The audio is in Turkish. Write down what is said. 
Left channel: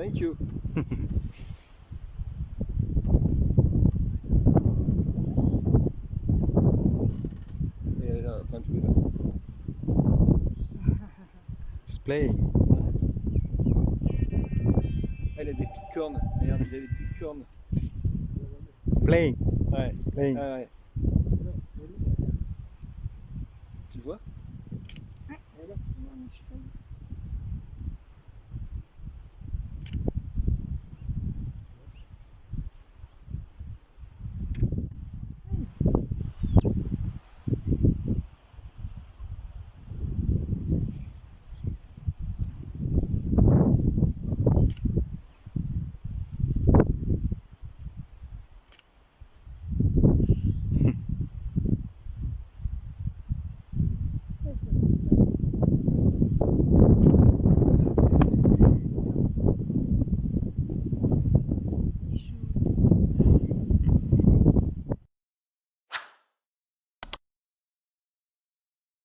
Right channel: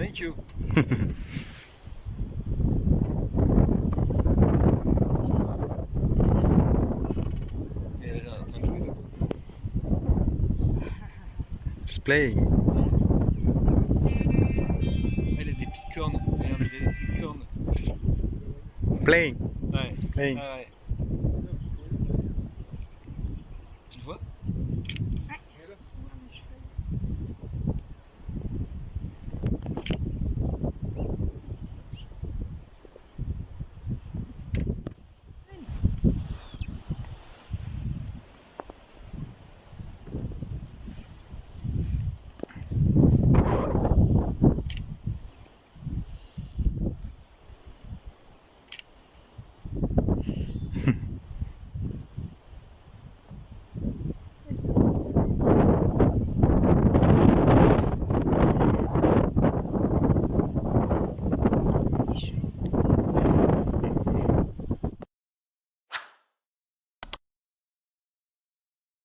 Thank you. Et là, en train de jouer. Là. It's playing. Ah, il a des petites cornes. Regarde, il a des petites cornes. Playing. Ouais. Playing. Ah ouais. Tu le vois? Yes.